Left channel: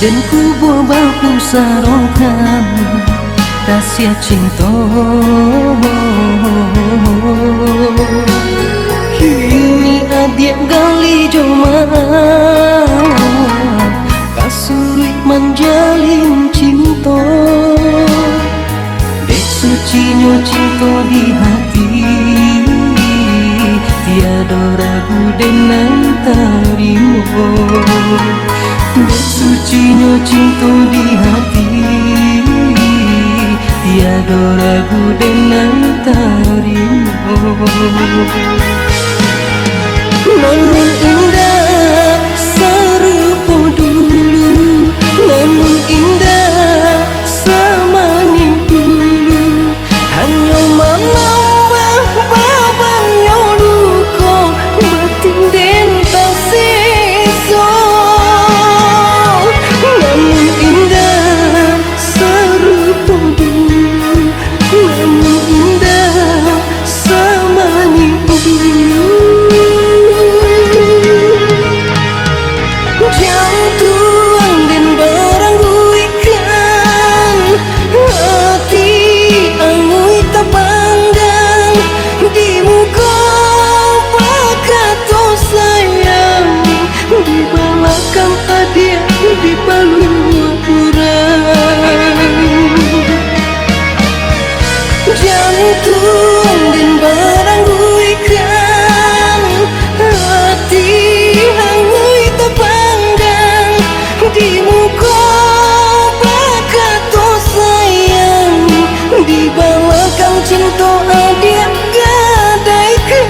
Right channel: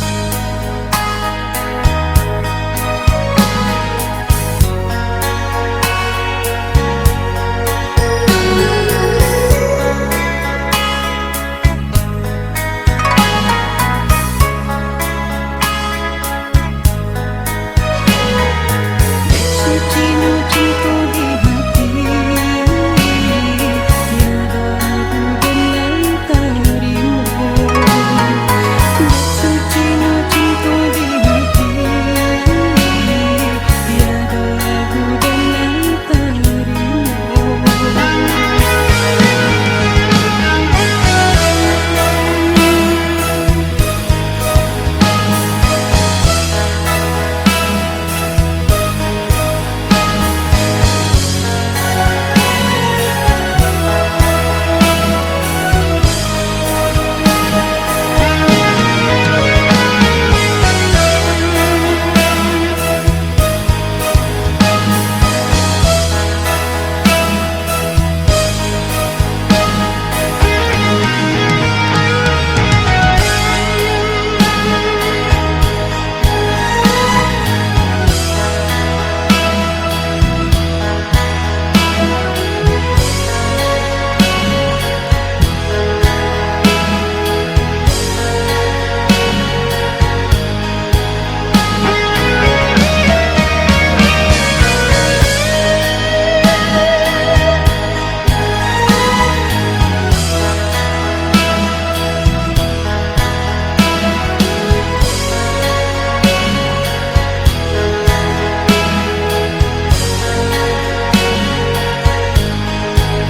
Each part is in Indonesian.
Dan ku bawa ku sarongkan rahasia cinta. Kini adik gali joma kasurit menjalin cinta. Dek sucinya cinta di hati, tiada ragu dengan tarimo. Dek sucinya cinta di hati, tiada ragu dengan tarimo. Namun indah serupa dulu, namun indah semanis dulu. Hanya menambah babanya luka, batin dan tak sisa. Namun indah serupa dulu, namun indah semanis dulu. Jantung dan berangguikan hati angui tak pandang di muka pakato sayang, di belakang ada di baluran. Jantung dan berangguikan hati angui tak pandang di muka pakato sayang, di belakang cinta ada gadaikan.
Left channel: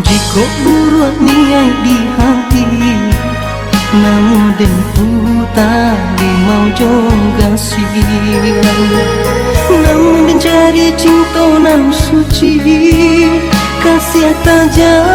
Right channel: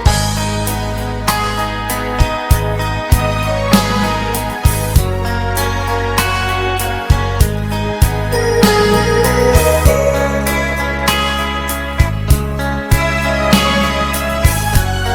Jika buruan niat di hati, namun denku tak mau juga sih. Namun mencari cinta nan suci, kasih tak jauh.